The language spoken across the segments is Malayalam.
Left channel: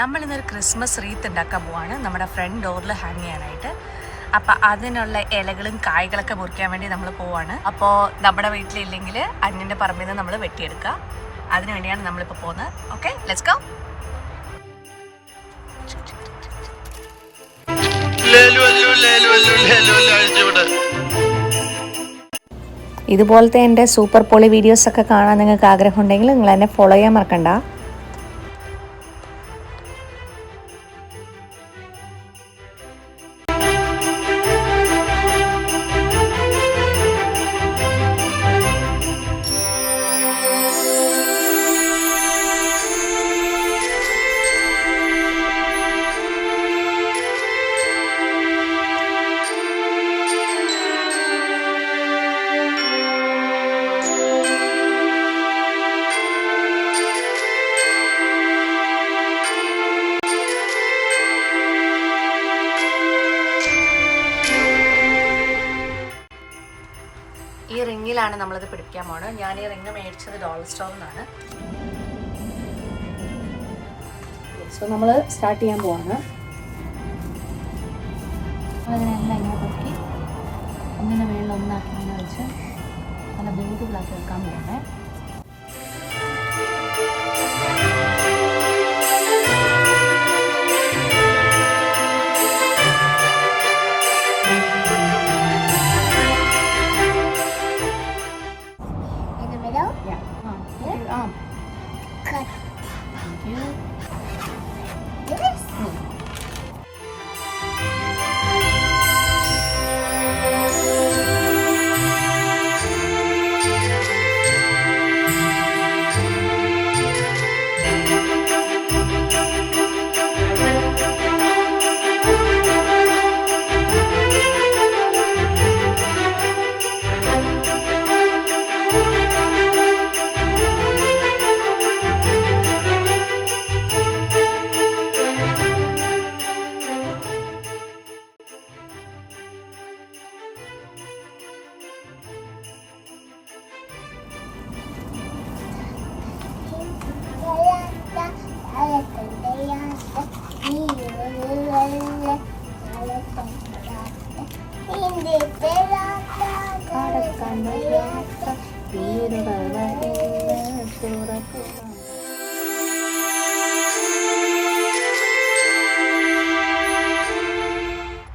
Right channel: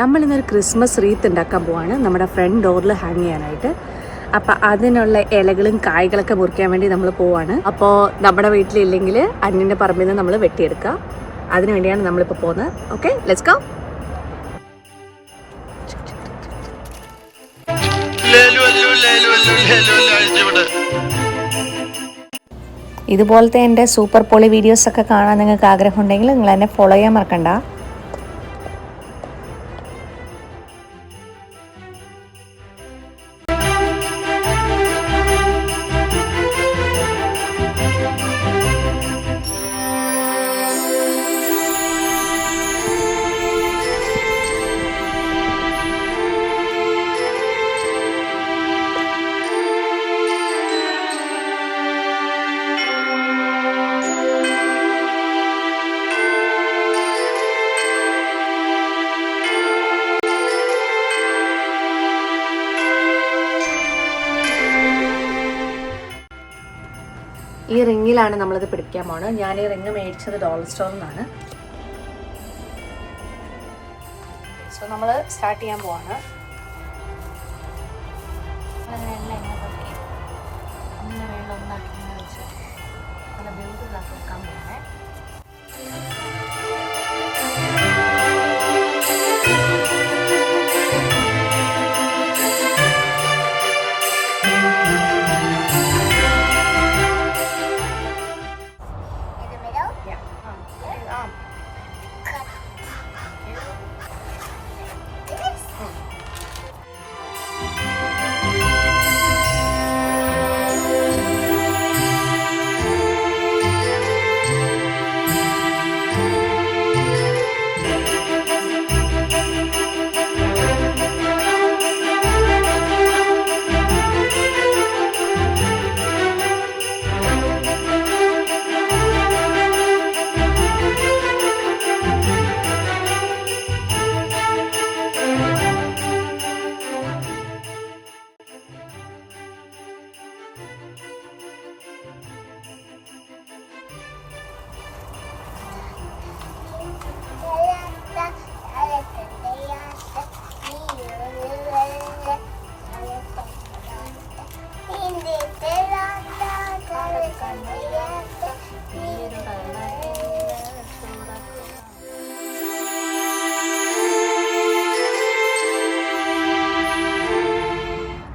നമ്മളിന്നൊരു ക്രിസ്മസ് റീത്ത് ഉണ്ടാക്കാൻ പോവാണ് നമ്മുടെ ഫ്രണ്ട് ഡോറിൽ ഹാങ് ചെയ്യാനായിട്ട്. അപ്പം അതിനുള്ള ഇലകളും കായ്കളൊക്കെ മുറിക്കാൻ വേണ്ടി നമ്മൾ പോവാണ്. അപ്പോൾ നമ്മുടെ വീട്ടിലില്ലെങ്കിൽ അന്യൻ്റെ പറമ്പിൽ നിന്ന് നമ്മൾ വെട്ടിയെടുക്കുക. അതിനു വേണ്ടിയാണ് നമ്മളിപ്പോൾ പോകുന്നത്. Okay, let's go. ഇതുപോലത്തെ എൻ്റെ സൂപ്പർ പൊളി വീഡിയോസൊക്കെ കാണാൻ നിങ്ങൾക്ക് ആഗ്രഹമുണ്ടെങ്കിൽ നിങ്ങൾ എന്നെ ഫോളോ ചെയ്യാൻ മറക്കണ്ട. ഈ റിങ്ങിലാണ് നമ്മളിത് പിടിക്കാൻ പോകുന്നത്. ഞാൻ ഈ റിങ് മേടിച്ചത് ഡോളർ സ്റ്റോറിൽ നിന്നാണ്. സോ നമ്മൾ സ്റ്റാർട്ട് ചെയ്യാൻ പോവാണ്. അതിനെല്ലാം ഇങ്ങനെ പൊക്കി ഒന്നിൻ്റെ വെള്ളം ഒന്നാക്കി ഇങ്ങനെ വെച്ച് നല്ല ബ്യൂട്ടിഫുൾ ആക്കി വെക്കാൻ പോവാണ്.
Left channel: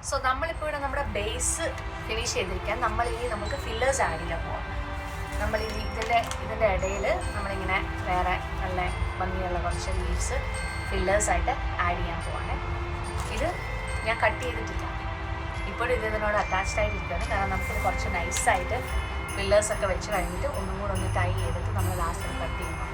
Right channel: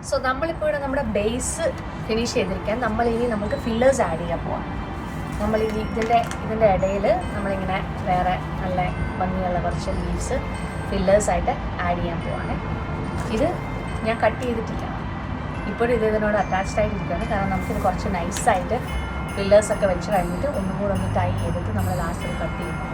സോ നമ്മളിപ്പോൾ ഇവിടെ നമ്മുടെ ബേസ് ഫിനിഷ് ചെയ്തിരിക്കാൻ നമ്മളിനി നമുക്ക് ഫില്ലേഴ്സ് ആഡ് ചെയ്യാൻ പോവാം. നമ്മൾ ഇതിൻ്റെ ഇടയിൽ നമ്മളിങ്ങനെ വേറെ നല്ല ഭംഗിയുള്ള കുറച്ച് ലീവ്സ് ഫില്ലേഴ്സായിട്ട് ആഡ് ചെയ്യാൻ പോവാണ്. ഇത് ഞാൻ കട്ട് ചെയ്തിട്ടില്ല, ഇപ്പോഴും ഇതിനോട് അറ്റാച്ച്ഡ് ആയിട്ടിരിക്കുകയാണ്. കാരണം നമുക്കിത് കുറച്ച് നൈസായിട്ട് ഫില്ലേഴ്സൊക്കെ വെച്ച് കഴിഞ്ഞിട്ട് ഒന്നും കൂടെ ഒന്ന് ടൈ ചെയ്തിട്ട് നമ്മൾ ലാസ്റ്റിൽ കട്ട് ചെയ്യുന്നു.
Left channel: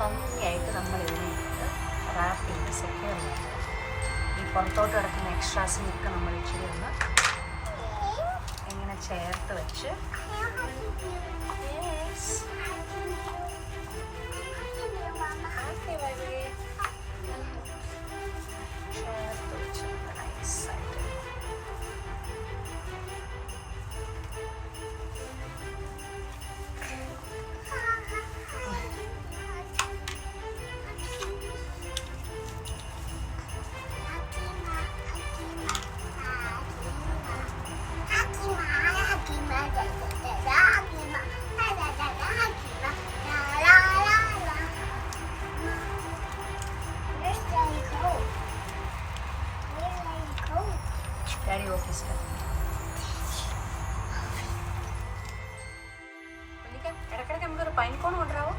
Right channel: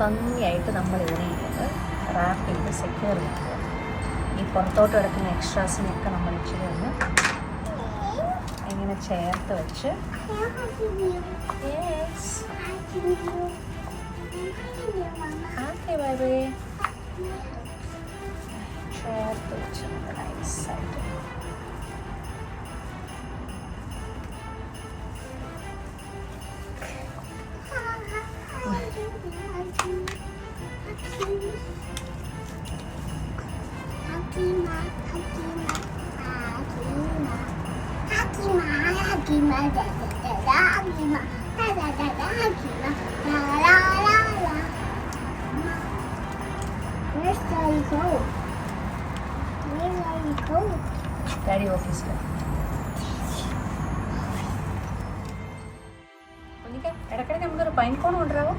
ഭംഗിയായിട്ട് നമ്മൾ ഇതിനെ റാപ്പ് ചെയ്ത് സെക്യൂർ ചെയ്യുക. ഈ പുറത്തോട്ട് കിടക്കുന്ന എക്സ്ട്രാസിനൊക്കെ നമ്മൾ ഇച്ചിരി ഒന്ന് ഇങ്ങനെ ചേർത്ത് വെച്ച് ചേർത്ത് വെച്ച് നല്ല നൈസായിട്ട് Daddy ഓഫീസിൽ ഇടയ്ക്കിടയ്ക്ക് നമുക്കൊരു പൈൻ കോൺ കൊണ്ടുവരാമോ?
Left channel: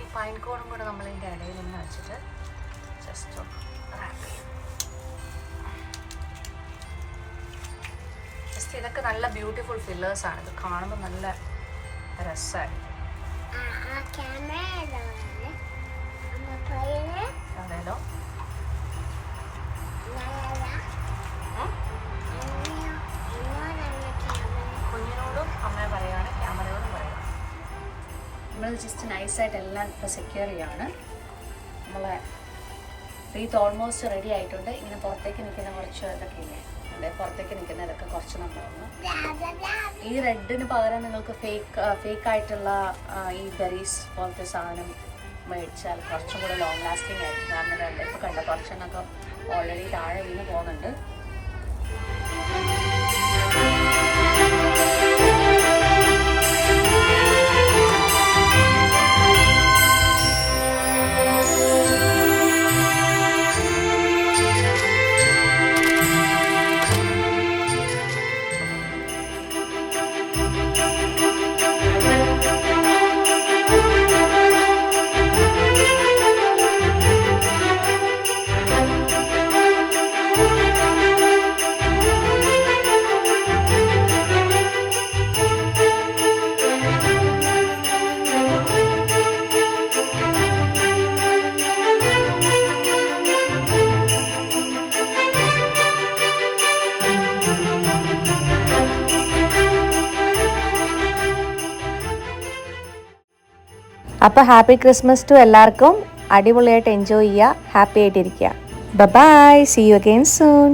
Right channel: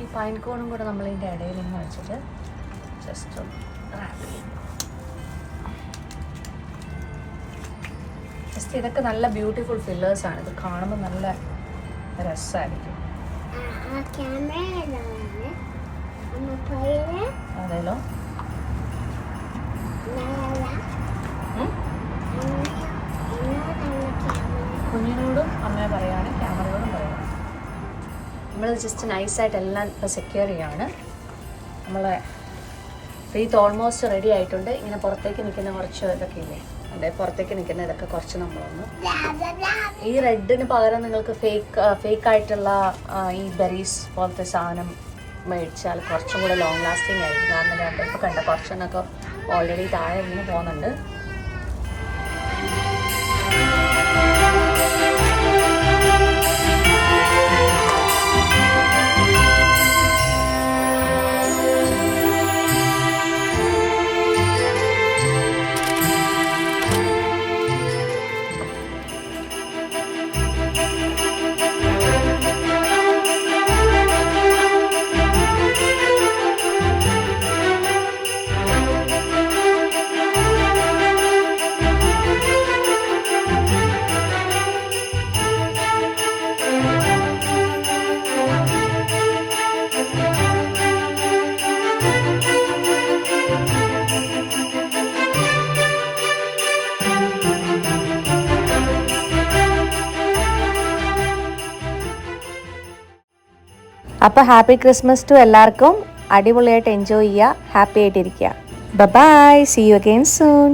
ഈ പൈൻ കോണും കൂടെ നമ്മളിതിൻ്റെ ഇടയിൽ ഇങ്ങനെ വെച്ചിട്ട് ജസ്റ്റ് ഒന്ന് റാപ്പ് ചെയ്യാം. ജസ്റ്റ് ഇതൊക്കെ നല്ല ബ്യൂട്ടിഫുൾ ഫില്ലേഴ്സ് ആണ്. ഇത് കാണുമ്പോൾ നല്ല രസമായിരിക്കും. അതെല്ലോ കുഞ്ഞിനോടും അമ്മയെ പറയാണ്, ക്യാമറയോടും പറയാണ്. നമ്മൾ ജസ്റ്റ് നൈസായിട്ട് എല്ലാം ഇപ്പോൾ സെക്യൂർ ചെയ്യാണ്. നമ്മളെ റീത്ത് ഓൾമോസ്റ്റ് റെഡി ആയിട്ടുണ്ട്. ഇങ്ങനെ പുറത്തേക്ക് നിൽക്കുന്ന കുറച്ച് ഇതൊക്കെ ഇല്ലേ, അതെ പുറത്തേക്ക് നിൽക്കുന്ന ഇതൊക്കെ കുറച്ച് നമ്മളൊന്ന് ഈ റെഡിന് പകരം നിങ്ങൾക്ക് ഫേക്കായിട്ടുള്ള ഈ ബെറീസ് പോലത്തെ സാധനം മേടിച്ചാൽ കുറച്ചും കൂടെ ലോങ് ലാസ്റ്റിംഗ് ആയിരിക്കും. കാരണം ഇപ്പോൾ കണ്ട കുറച്ചെന്നൊക്കെ ഓൾറെഡി താഴെ ഇങ്ങനെ പോകുന്നുണ്ട്. അപ്പോൾ ഹാപ്പി ക്രിസ്മസ് ടു എല്ലാവർക്കും. അടിപൊളിയായിട്ട് എൻജോയ് ചെയ്യുക, ഹാപ്പി ആയിട്ടിരിക്കുക. Bye, see you again soon.